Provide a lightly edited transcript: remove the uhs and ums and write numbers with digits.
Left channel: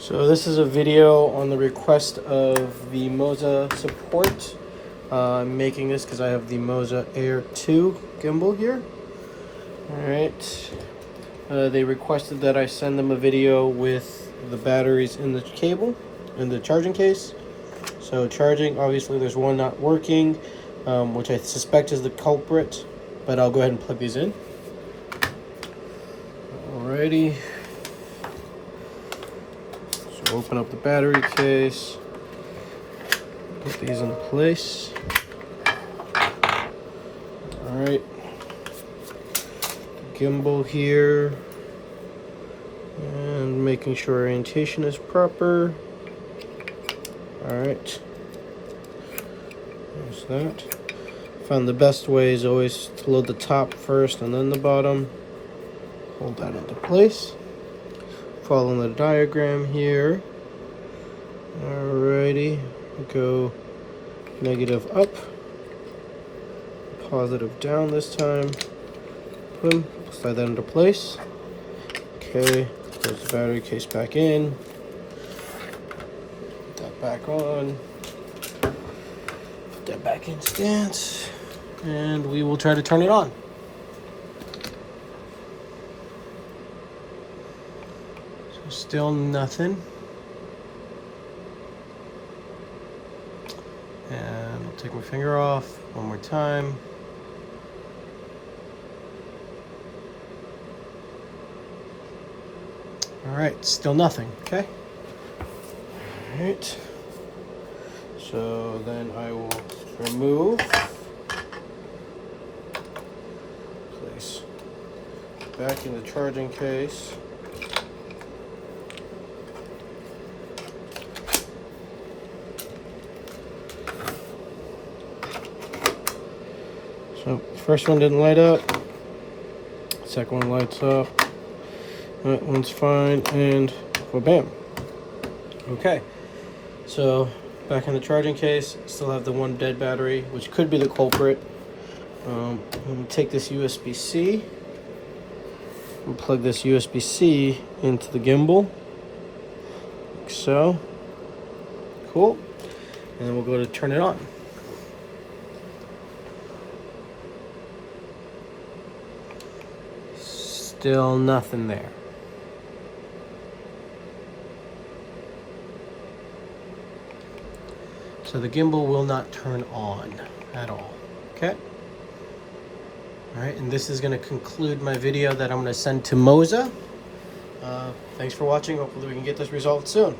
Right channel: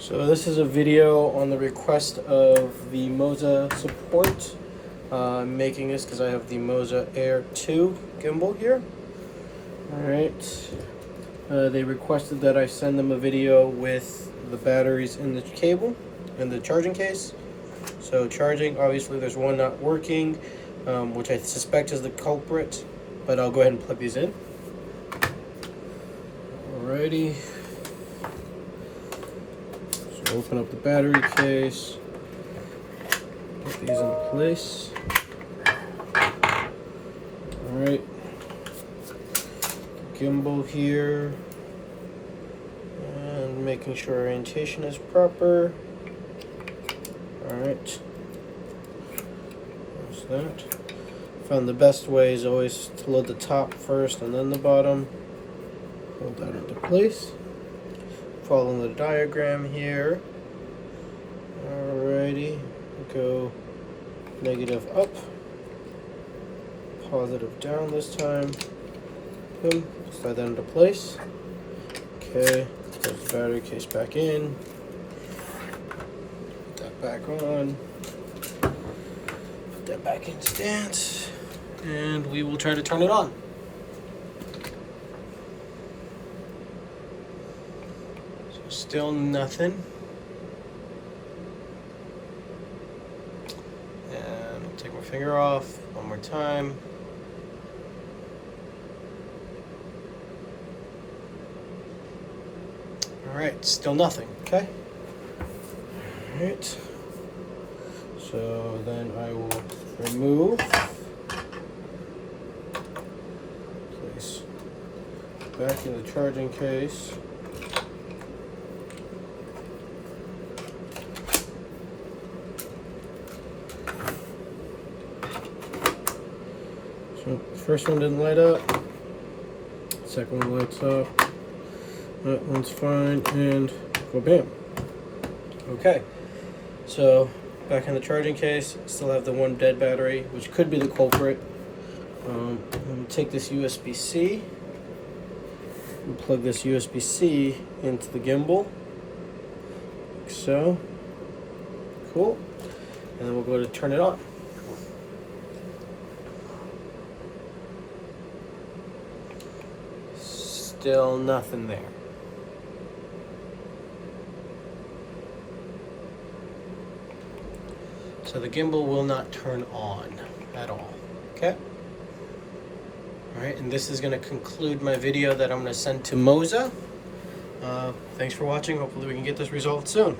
So this is a video on the request of the Moza Support. I'm making this because I have the Moza Air 2 gimbal here. Alright. They requested that I send them a video with the batteries in the cable, in the charging case. So charging, obviously there's one not working, which I suspect is the culprit, but I'll go ahead and plug these in. Alrighty. So open up the battery case, put these in place. Alright. Gimbal here. And making sure orientation is proper. Alright. There's that. Found the best way is always to load the top first and then the bottom. Hold that into place. Follow the diagram here. Alrighty. Go negative up. Positive down this time. Boom. Slide that into place. Okay. Close the battery case back in. Put that back on. Put that back in stance. And we will try to turn it on. So still nothing. And take my finger off one more time. Alright, still nothing, okay? Alright. So then I will remove, place back in the charging case. So first one didn't light up, second one lights up. That one's fine, and bam. Okay, so back in the charging case, still have the one dead battery, which could be the culprit. I'm going to take this USB-C and plug this USB-C into the gimbal, like so. Cool. And then we'll go to turn it on. Still nothing there. So the gimbal will not turn on at all, okay? All right, and this is gonna conclude my video that I'm gonna send to Moza. Thanks for watching, hopefully we can get this resolved soon.